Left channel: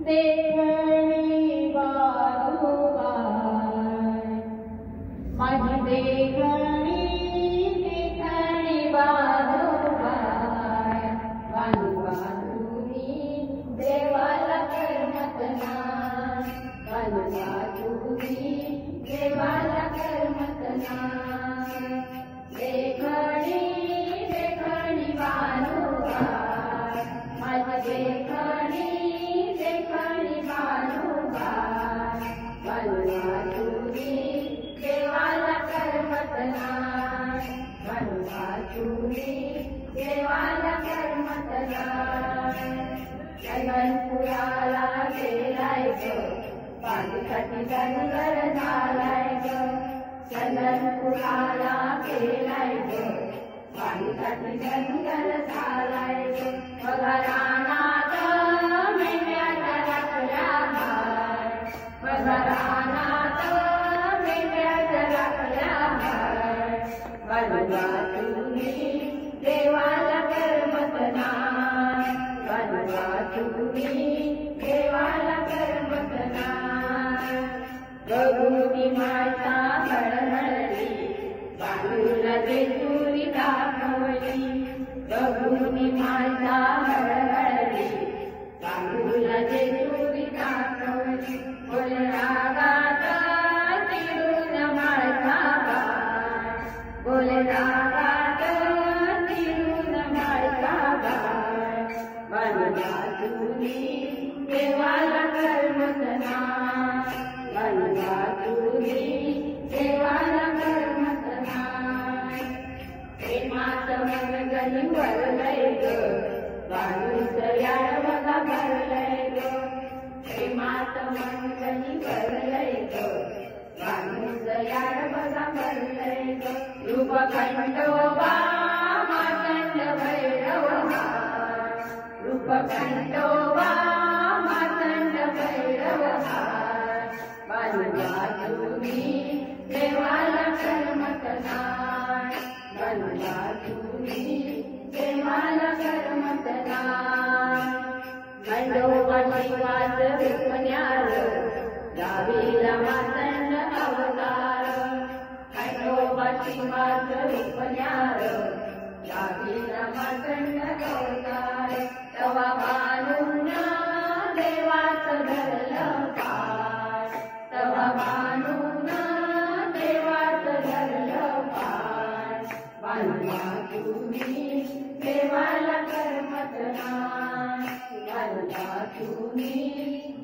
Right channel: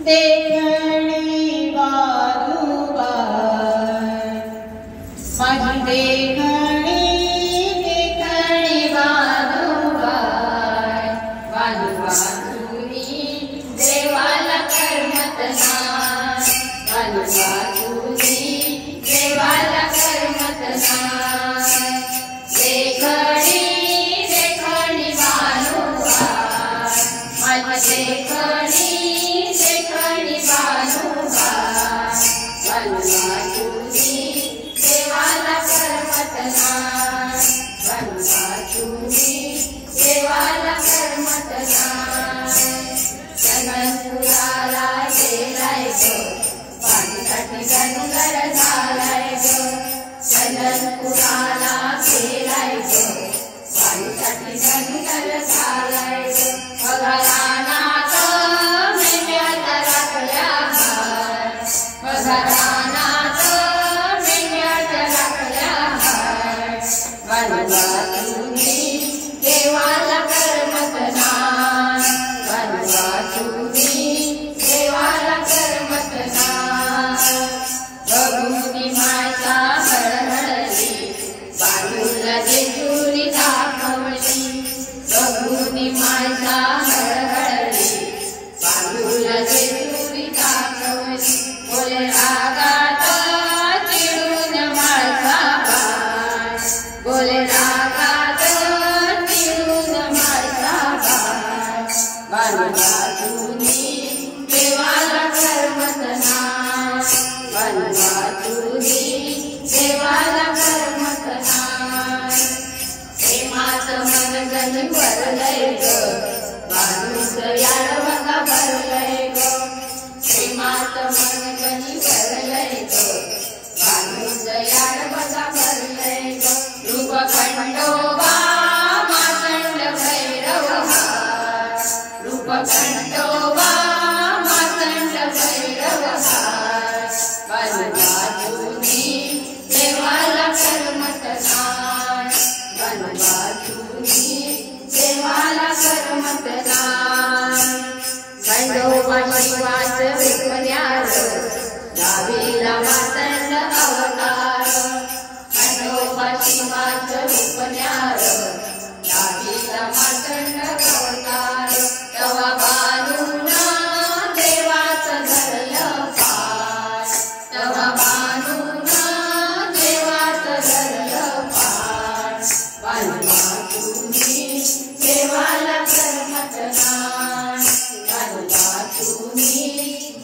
देखणी वारुबाय माझी देखणी वारुबाय वारुबातुनी देवाला करमत नाही वारुबातुनी देवाला करमत नाही देखणी वारुबाय माझी देखणी देवाला करमत नाही वारुबातुनी देवाला करमत नाही चंदनपुराला गेलाय ग पाणीसाठी गणगर झालाय ग चंदनपुराला गेलाय ग पाणीसाठी गणगर झालाय ग पगारानाथ मेंढ्याला राखल्या हाय पगारानाथ मेंढ्याला राखल्या हाय वारुबातुनी देवाला करमत नाही वारुबातुनी देवाला करमत नाही बघूनी माझा हळहळली बाजूला जेजुरी दाखवली बघूनी माझा हळहळली बाजूला जेजुरी दाखवली बोले रागात चिडून माझा बाळ बोले रागात चिडून माझा बाळ वारुबातुनी देवाला करमत नाही वारुबातुनी देवाला करमत नाही प्रेमाचं मन गणी भरलंय ग माणूस याड बघा भरलंय ग प्रेमाचं मन गणी भरलंय ग माणूस याड बघा भरलंय ग रूप खंडोबा मातंड भैरव हाय रूप खंडोबा मातंड भैरव हाय वारुबातुनी देवाला करमत नाही वारुबातुनी देवाला करमत नाही खंडोबा शिवाचं विकण्यार गावीला मातंड अवतार खंडोबा शिवाचं विकण्यार गावीला मातंड अवतार तवा बाणूना देवाचं धरलं पाय तवा बाणूना देवाचं धरलं पाय वारुबातुनी देवाला करमत नाही वारुबातुनी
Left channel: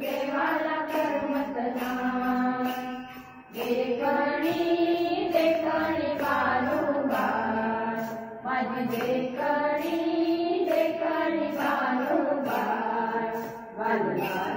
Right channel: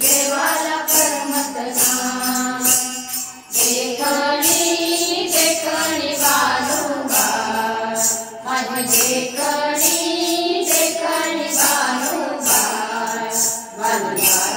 देवाला करमत नाही देखणी वारुबाय माझी देखणी वारुबाय वारुबाय